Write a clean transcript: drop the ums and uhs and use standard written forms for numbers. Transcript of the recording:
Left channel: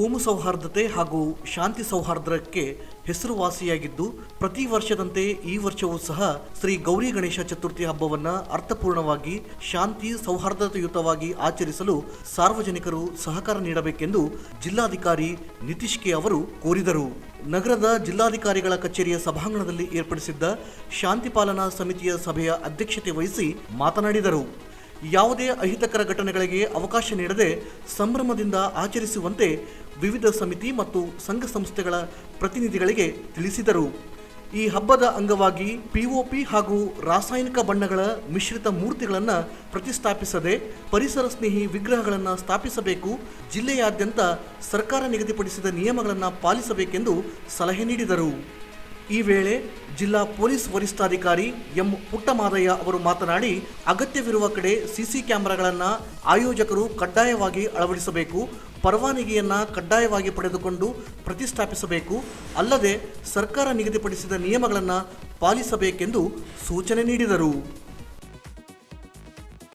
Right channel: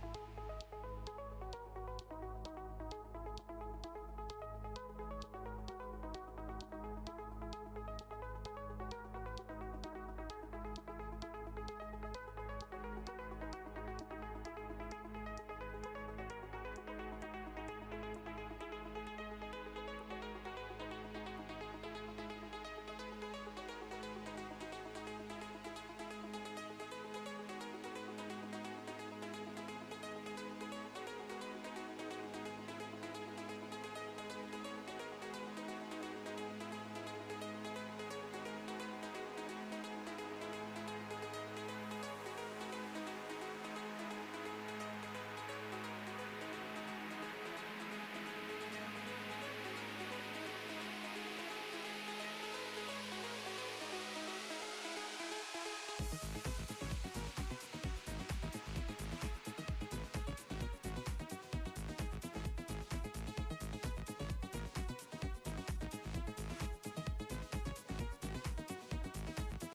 ಕೋಮು ಸೌಹಾರ್ದತೆ ಹಾಗೂ ಶಾಂತಿ ಸೌಹಾರ್ದಕ್ಕೆ ಹೆಸರುವಾಸಿಯಾಗಿದ್ದು, ಪ್ರತಿ ವರ್ಷದಂತೆ ಈ ವರ್ಷವೂ ಸಹ ಶ್ರೀ ಗೌರಿ ಗಣೇಶ ಚತುರ್ಥಿ ಹಬ್ಬವನ್ನು ಅರ್ಥಪೂರ್ಣವಾಗಿ ಶಾಂತಿ ಸೌಹಾರ್ದತೆಯುತವಾಗಿ ಆಚರಿಸಲು ಸಾರ್ವಜನಿಕರು ಸಹಕಾರ ನೀಡಬೇಕೆಂದು ಜಿಲ್ಲಾಧಿಕಾರಿ ನಿತೀಶ್ ಕೆ ಅವರು ಕೋರಿದರು. ನಗರದ ಜಿಲ್ಲಾಧಿಕಾರಿಗಳ ಕಚೇರಿಯ ಸಭಾಂಗಣದಲ್ಲಿ ಏರ್ಪಡಿಸಿದ್ದ ಶಾಂತಿ ಪಾಲನಾ ಸಮಿತಿಯ ಸಭೆಯ ಅಧ್ಯಕ್ಷತೆ ವಹಿಸಿ ಮಾತನಾಡಿದರು. ಯಾವುದೇ ಅಹಿತಕರ ಘಟನೆಗಳಿಗೆ ಅವಕಾಶ ನೀಡದೆ ಸಂಭ್ರಮದಿಂದ ಆಚರಿಸುವಂತೆ ವಿವಿಧ ಸಮಿತಿ ಮತ್ತು ಸಂಘ ಸಂಸ್ಥೆಗಳ ಪ್ರತಿನಿಧಿಗಳಿಗೆ ತಿಳಿಸಿದರು. ಈ ಹಬ್ಬದ ಅಂಗವಾಗಿ ಪಿಒಪಿ ಹಾಗೂ ರಾಸಾಯನಿಕ ಬಣ್ಣಗಳ ಮಿಶ್ರಿತ ಮೂರ್ತಿಗಳನ್ನು ಪ್ರತಿಷ್ಠಾಪಿಸದೆ ಪರಿಸರ ಸ್ನೇಹಿ ವಿಗ್ರಹಗಳನ್ನು ಸ್ಥಾಪಿಸಬೇಕು, ಜಿಲ್ಲೆಯಾದ್ಯಂತ ಸರ್ಕಾರ ನಿಗದಿಪಡಿಸಿದ ನಿಯಮಗಳನ್ನು ಪಾಲಿಸಬೇಕೆಂದು ಸಲಹೆ ನೀಡಿದರು. ಈ ವೇಳೆ ಜಿಲ್ಲಾ ಪೊಲೀಸ್ ವರಿಷ್ಠಾಧಿಕಾರಿ ಎಂ ಪುಟ್ಟಮಾದಯ್ಯ ಅವರು ಮಾತನಾಡಿ, ಅಗತ್ಯವಿರುವ ಕಡೆ ಸಿಸಿ ಕ್ಯಾಮೆರಾಗಳನ್ನು ಆಯೋಜಕರು ಕಡ್ಡಾಯವಾಗಿ ಅಳವಡಿಸಬೇಕು, ಪರವಾನಗಿಯನ್ನು ಕಡ್ಡಾಯವಾಗಿ ಪಡೆದುಕೊಂಡು ಪ್ರತಿಷ್ಠಾಪಿಸಬೇಕು, ಅಲ್ಲದೆ ಸರ್ಕಾರ ನಿಗದಿಪಡಿಸಿದ ನಿಯಮಗಳನ್ನು ಪಾಲಿಸಬೇಕೆಂದು ಸೂಚನೆ ನೀಡಿದರು.